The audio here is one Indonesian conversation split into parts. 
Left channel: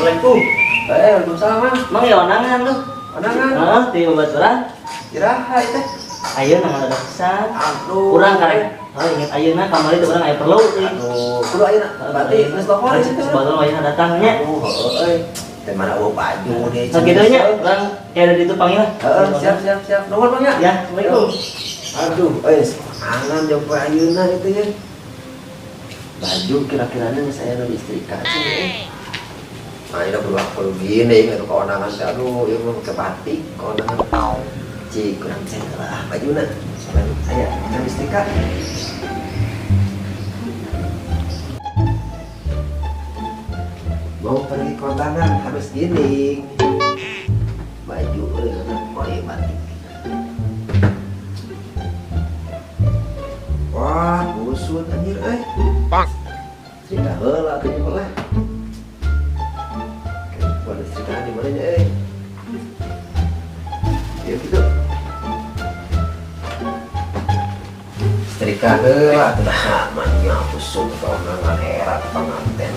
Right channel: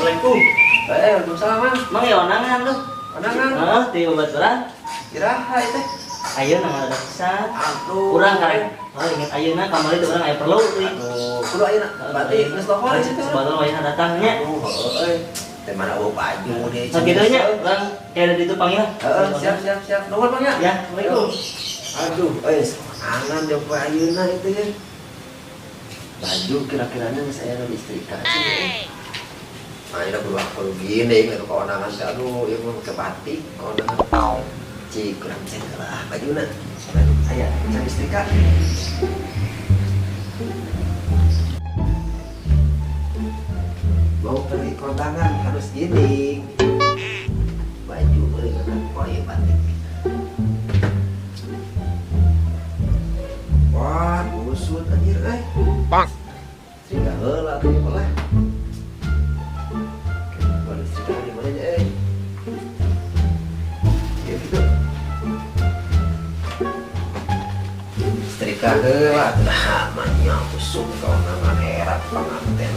Assalamualaikum. Waalaikumsalam, Mang. Mang ya onangan lu. Onangan. Heeh, ti babaturan. Iraha teh. Ayeuna mah ada pisan. Aduh. Urang karek. Oh, inget ayeuna kamari teh urang aya perlu teh. Aduh, kudu ayeuna. Berarti geus telepon di situ. Sebetulnya ayeuna datang nya. Heuh, teh mana bawa baju dia. Sakitu nya urang kayak ada ditu panggil. Heeh, siap. Nuhun, Bang ya. Ya, Assalamualaikum. Aduh, angan jauh ayeuna itu ya. Baju kira-kiranya saya nu istrika sih. Nah, ini udah berlaku gini, itu keonangan teh. Aduh, ieu mah pakai batik, keonangan. Cik, kurang cengkel lah bajuna. Soalnya aya can istrika. Mau pergi kondangan harus gini. Baju koyo batik. Wah, kusut anjir Strika heula atuh nya lah. Boleh strika di mana nya Ya gitu. Strika heula atuh namanya kusut keonangan herat pengantin.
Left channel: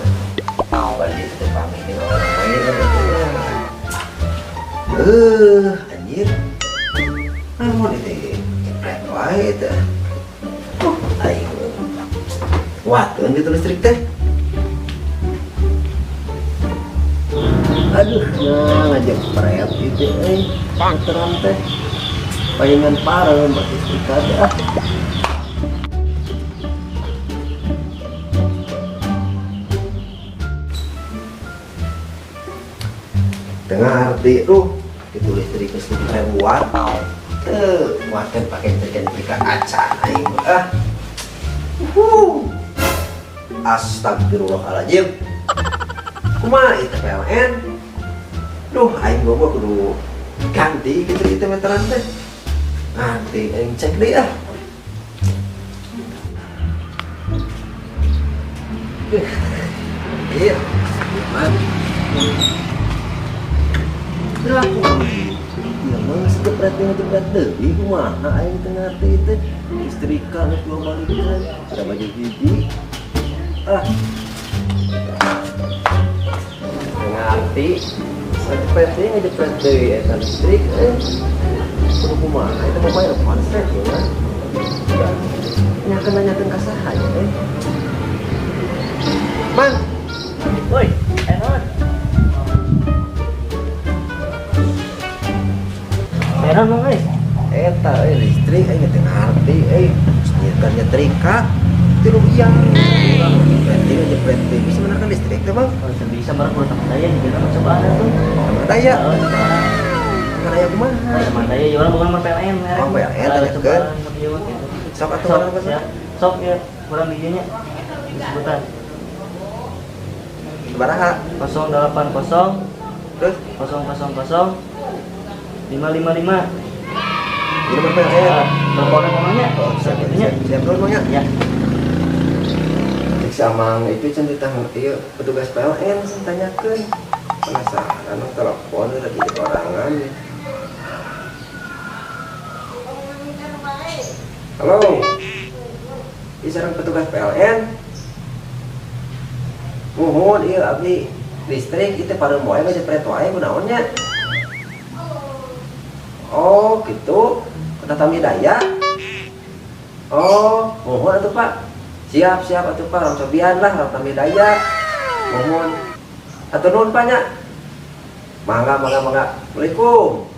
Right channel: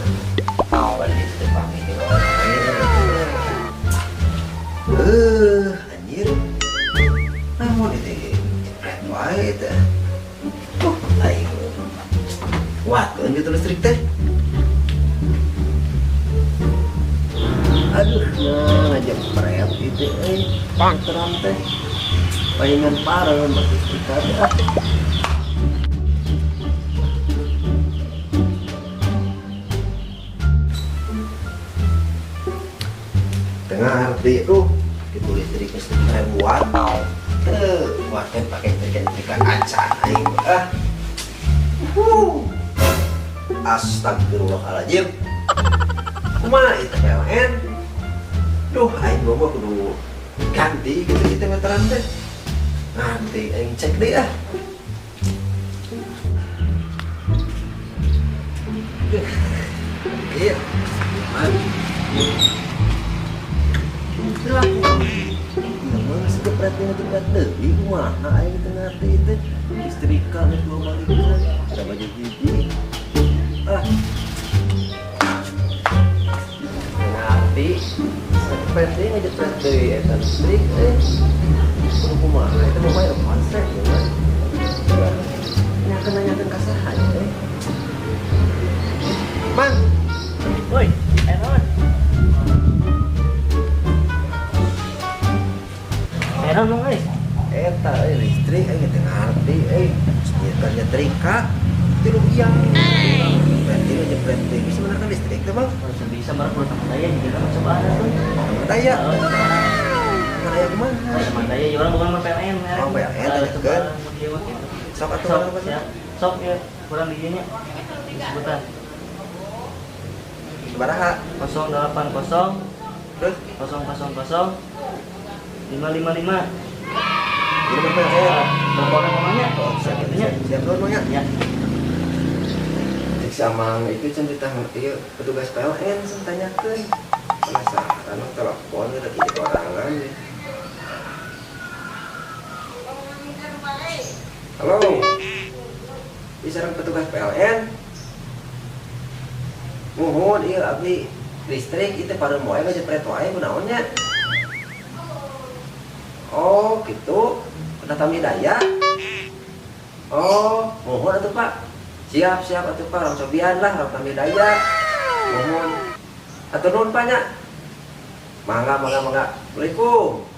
Balik itu teh pamit anjir. Namun itu jepret wae teh. Ayo. Watuan gitu listrik teh. Aduh, ngajak pret itu panteran teh. Palingan parah mati listrik ada. Tengah arti tuh itu listrik watt. Wattnya pakai listrik acan aing Astagfirullahaladzim. Kumaha itu PLN? Duh, aing bobo kudu ganti gitu meteran teh. Nanti aing cek deh Iya, man. Berlaku. Ya mah jepret deui kumaha aing teu ngarti teh. Istrika geus dua balikan, ada baju hiji. Ngerti. Jepret deui ngejepret deui eta listrik kudu kumaha eta mah bayar konsep ya mah. Nanyakeun ka saha ya Mang. Woi, enon. Enon mah Eta listrik aing teu ngarti nyetir nyetrika tilu iya. Berarti ngejepret deui bisa menakan listrik teh Bang. Kalau bisa barang kudu tambah daya di dalam cobaan tuh. Tambah daya. Daya kumaha? Tambah daya ya orang bukan mah PLN. Oh, PLN tanyakeun. Gitu. Sok atuh urang ya. Sok ya, kurang di dieu nya. Disebutan. Sabaraha? 080 Terus 000 555. ini mah PLN. Teleponnya namanya. Siap itunya. Siap dulu Bang ya. Ya. Cek samang itu can ditang ieu petugas PLN sen tanyakeun. Penasaran telepon lagi di orangan ya. Halo. Ini sareng petugas PLN. Muhun ieu abdi listrik itu pada moe ngejepret wae kunaon nya. Oh, gitu. Kota Tamidaya. Oh, muhun atuh Pak. Siap atuh Pak, orang cobian lah, orang Tamidaya. Muhun. Atur nuhun Pak nya. Mangga. Assalamualaikum.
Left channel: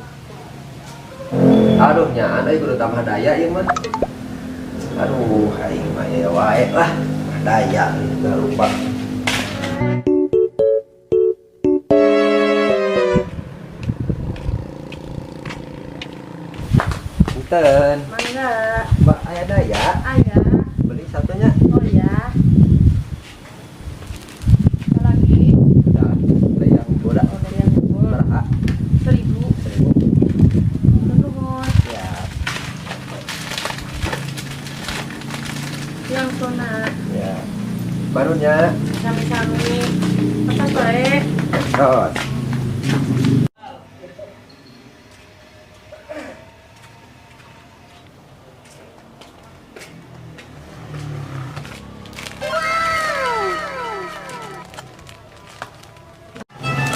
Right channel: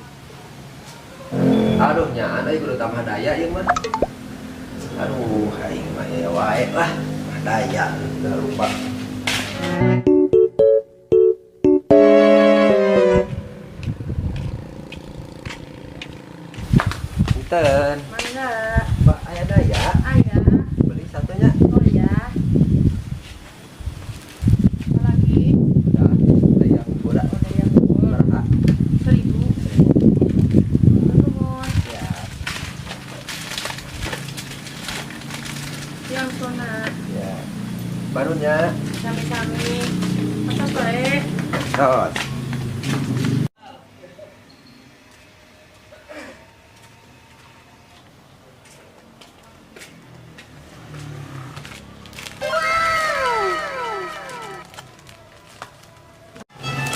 Aduh nya anda kudu tambah daya ieu mah. Aduh, aing mah ya wae lah. Daya enggak lupa. Punten. Mangga. Mbak aya daya? Aya. Beli satunya. Oh ya. Apa lagi? Udah, ada yang boda. Oh, dari yang ngumpul. Berapa? 1000. 1000. Nuhun. Siap. Yang sona. Ya. Barunya. Sami-sami. Pesan bae. Tos.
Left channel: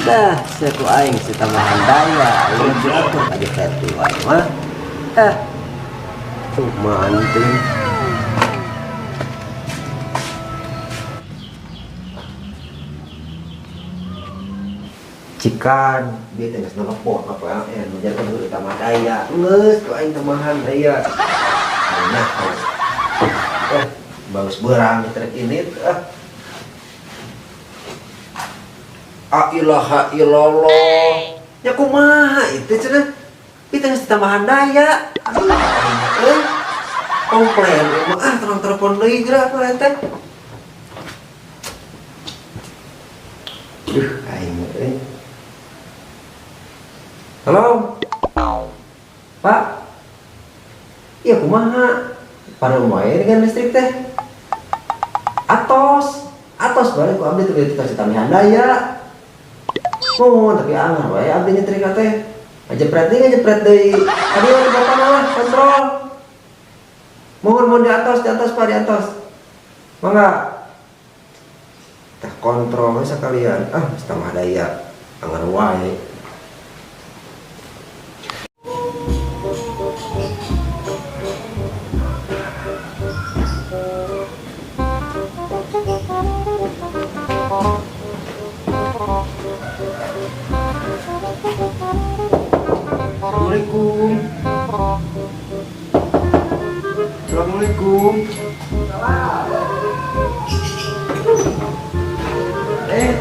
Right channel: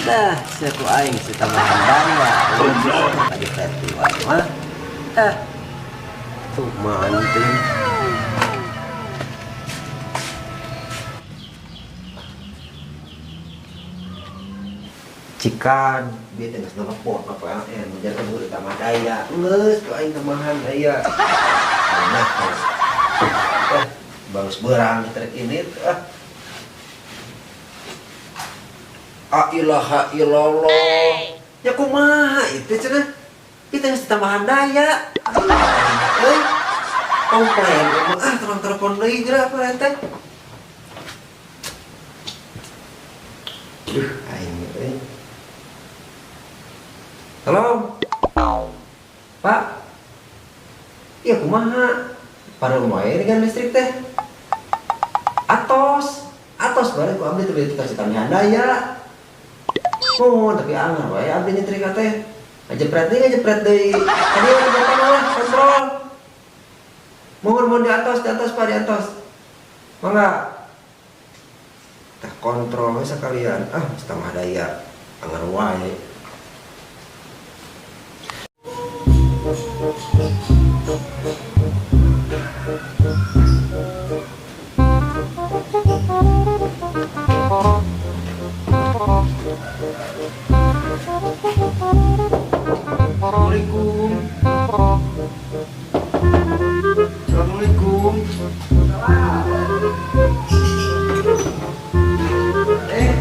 Dah, seku aing si tambahan daya. Untuk aja festival mah. Tuh manting. Cikan, biar tengah nelpon apa yang menjaga dulu tambah daya. Nges, kau aing tambahan daya. Banyak kos. Bagus berang trek ini. Ilaha illallah. Ya kumaha itu cenah. Kita harus tambahan daya. Komplain emang terang telepon deui geura apa eta. Aing euy. Halo. Pak. Iya kumaha? Pada wae dengan listrik teh. Atos balik ku abdi teu dikasih tambahan daya. Oh, tapi anggar wae abdi nyetrika teh. Ngajepret deui. Tadi waktu bapak malah kontrol. Mohon di atas Pak, di atas. Mangga. Tah kontrol sekalian. Setengah daya. Anggar wae. Assalamualaikum.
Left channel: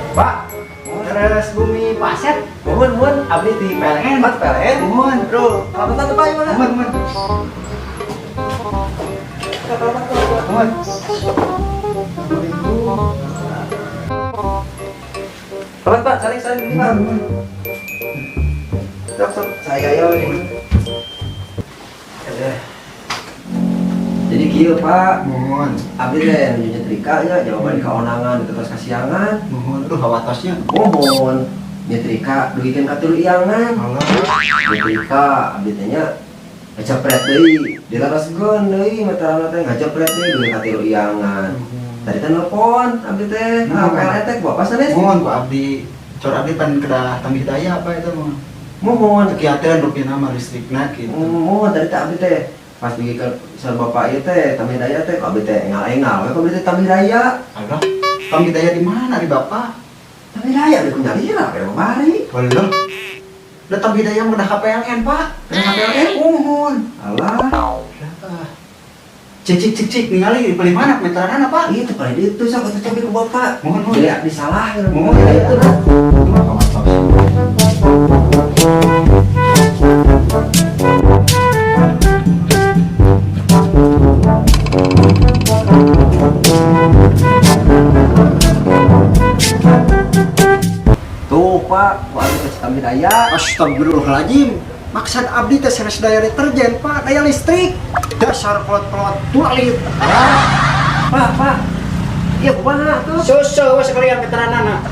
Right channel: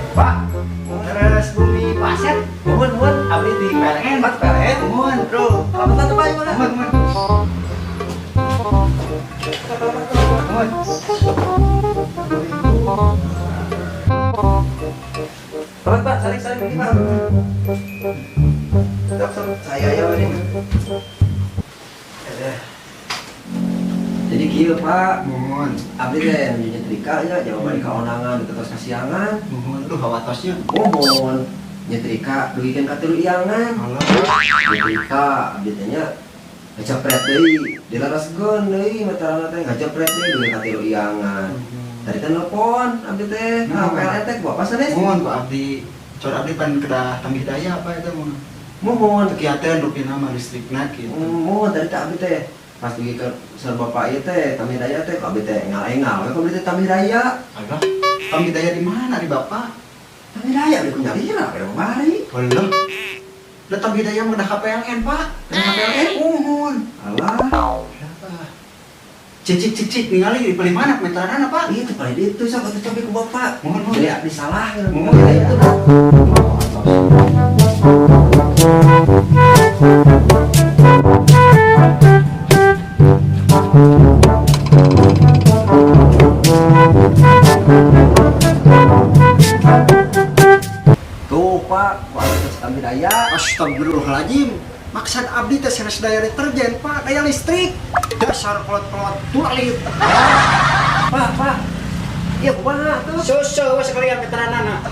Pak, teres bumi paset. Mohon, abdi di PLN. PLN. Mohon, bro. Selamat datang Pak, gimana? Mohon. Selamat Pak, saling begini Pak. Dokter, saya ini. Jadi kieu Pak, mohon. Abdi teh nu nyetrika nya jawaban kaonangan itu tos kasiangan. Mohon, hawatosnya. Mohon. Nyetrika duikeun ka 3 iangan. Allah. Nyetrika abdi teh nya ngajepret deui, dilaraskeun deui meterana teh ngajepret deui duikeun ka 3 iangan. Tadi teh nelpon abdi teh, PLN teh bapak sanes. Mohon Pak abdi, cor abdi pan kedah tambih daya apa itu mah. Mohon kegiatan rupiah nama listrikna kitu. Mohon tadi teh abdi teh pas pergi ke sar bapak ieu teh tambih daya teh abdi teh engal-engal we abdi teh tambih daya. Alah, tambih daya di mana di bapak? Tambih daya di Kunyalira ke Bari. Alah. Da tambih daya mah ka PLN, Pak. Ka PLN mohon. Alah. Cicik ningali di mana meteranana Pak? Itu paling itu sok atuh coba ke bapak. Mohon. Jadi abdi salah ya. Mohon itu lah. Tuh Pak, abdi teh tambah daya. Astagfirullahaladzim. Maksud abdi teh sanes daya deterjen Pak, daya listrik. Dasar pelot-pelot tualit. Pak. Iya kumaha tuh? Susu sekalian veteranana.